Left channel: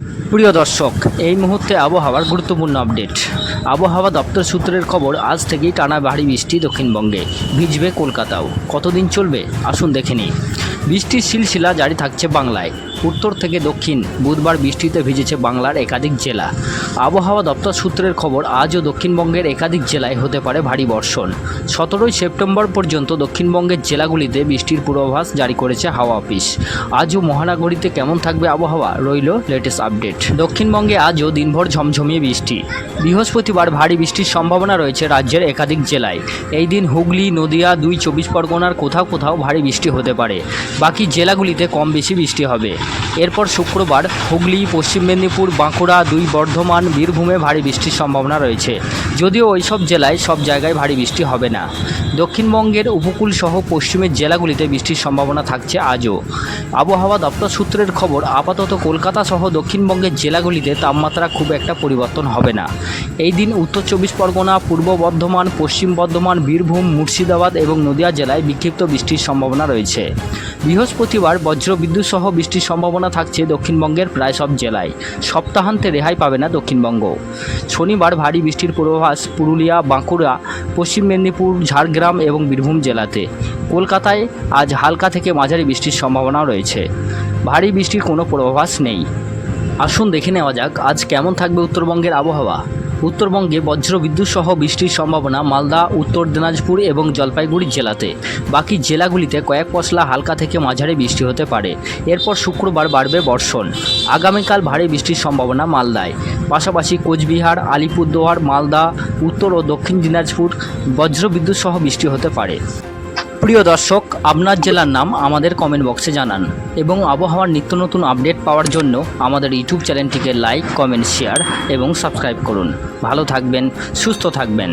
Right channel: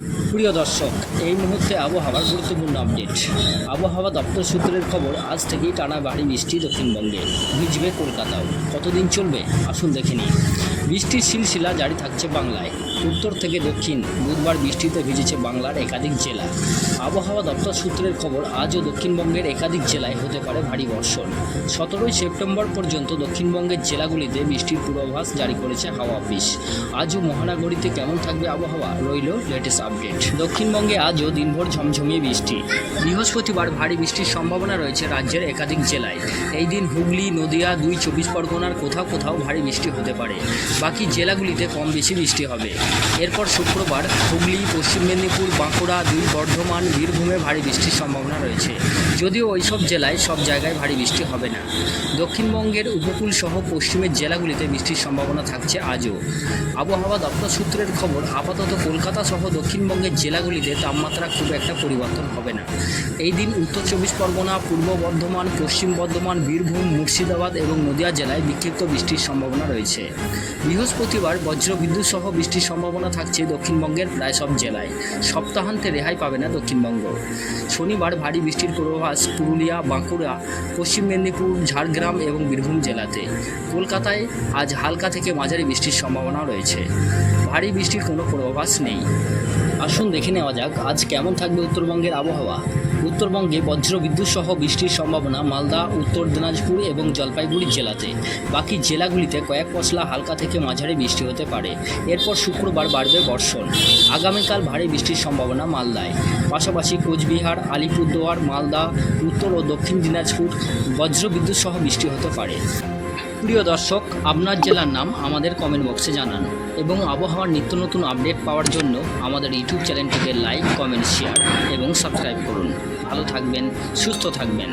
প্রিয় দর্শক, এই মুহূর্তে আবহাওয়ার গুরুত্বপূর্ণ আপডেট। আবহাওয়া দপ্তর সূত্রের খবর, আজ থেকেই টানা ভারী বৃষ্টি দক্ষিণবঙ্গে, ভিজবে কলকাতাও। কতদিন চলবে আসুন দেখে নিই। বৃষ্টির সিলসিলা জারি থাকছে বাংলায়। উত্তর থেকে দক্ষিণ বুধবার বৃষ্টিতে ভিজেছে বাংলার একাধিক জেলা। আবহাওয়া দপ্তর সূত্রের খবর, আজও দক্ষিণবঙ্গের একাধিক জেলায় হতে পারে ভারী বর্ষণ। 17 সেপ্টেম্বর পর্যন্ত দক্ষিণবঙ্গের জেলাগুলিতে বৃষ্টির পূর্বাভাস জারি করেছে হাওয়া অফিস। আজও মহানগরীতে কেমন থাকবে আবহাওয়া, রইল লেটেস্ট আপডেট। দক্ষিণবঙ্গে আজও দিনভর ঝমঝমিয়ে বৃষ্টি। বৃহস্পতিবার ভারী বৃষ্টির সম্ভাবনা রয়েছে রাজ্যের একাধিক জেলায়। এই দিন হুগলি, নদিয়া, 2 চব্বিশ পরগনার কোথাও কোথাও ভারী বৃষ্টি হতে পারে। বাকি জেলাগুলিতে কম বেশি বৃষ্টি হবে। এরপর শুক্রবার হুগলি, পশ্চিম মেদিনীপুর, বাঁকুড়া, 2 বর্ধমান, বীরভূমে ভারী বৃষ্টির সম্ভাবনা রয়েছে। যদিও ওইসব জেলায় সব জায়গায় ভারী বৃষ্টি হবে না। দক্ষিণবঙ্গের উপকূল সহ পশ্চিমের জেলাগুলিতে বৃষ্টির সম্ভাবনা থাকছে আজও। আবহাওয়া দপ্তর সূত্রের খবর, আপাতত কলকাতা সহ দক্ষিণবঙ্গের জেলাগুলিতে তাপমাত্রা খুব একটা পরিবর্তন হবে না। এই দিন উত্তর চব্বিশ পরগনা, পূর্ব বর্ধমান, পশ্চিম বর্ধমান, বীরভূম, মুর্শিদাবাদ এবং নদিয়া জেলায় বিক্ষিপ্ত বৃষ্টির সম্ভাবনা রয়েছে। বৃহস্পতিবার বজ্রবিদ্যুৎ সহ বৃষ্টির সম্ভাবনা থাকছে দক্ষিণবঙ্গের প্রায় সব জেলায়। সপ্তাহান্তে রেহাই পাবে না দক্ষিণবঙ্গ। শনিবার ভারী বৃষ্টির পূর্বাভাস পুরুলিয়া, বাঁকুড়া, পশ্চিম মেদিনীপুর, ঝাড়গ্রাম এবং বীরভূম জেলাতে। কলকাতায় আজ হালকা থেকে মাঝারি বৃষ্টির সম্ভাবনা রয়েছে। ভারী বৃষ্টির কোনো পূর্বাভাস নেই। আসুন দেখে নেওয়া যাক আজ কেমন থাকবে উত্তরবঙ্গের আবহাওয়া। উত্তরবঙ্গে বজ্রবিদ্যুৎ সহ বৃষ্টির সম্ভাবনা মালদা, উত্তর দিনাজপুর এবং জলপাইগুড়ি জেলাতে। বাকি জেলাগুলিতে কয়েক পশলা হালকা থেকে মাঝারি বৃষ্টি হতে পারে। এরপর শুক্রবার বাড়বে বর্ষণ। আগামীকাল ভারী বৃষ্টির সম্ভাবনা মালদায়। পাশাপাশি কোচবিহার, আলিপুরদুয়ার, মালদা, উত্তর ও দক্ষিণ দিনাজপুর বজ্রবিদ্যুৎ সহ বৃষ্টি হতে পারে। প্রিয় দর্শক, আপনার জেলার নাম আমাদের কমেন্ট বক্সে জানান এবং আবহাওয়ার নিত্য নতুন আপডেট পাওয়ার জন্য আমাদের ইউটিউব চ্যানেলটিকে লাইক, কমেন্ট, শেয়ার এবং সাবস্ক্রাইব করুন। ভালো থাকবেন, সুস্থ থাকবেন।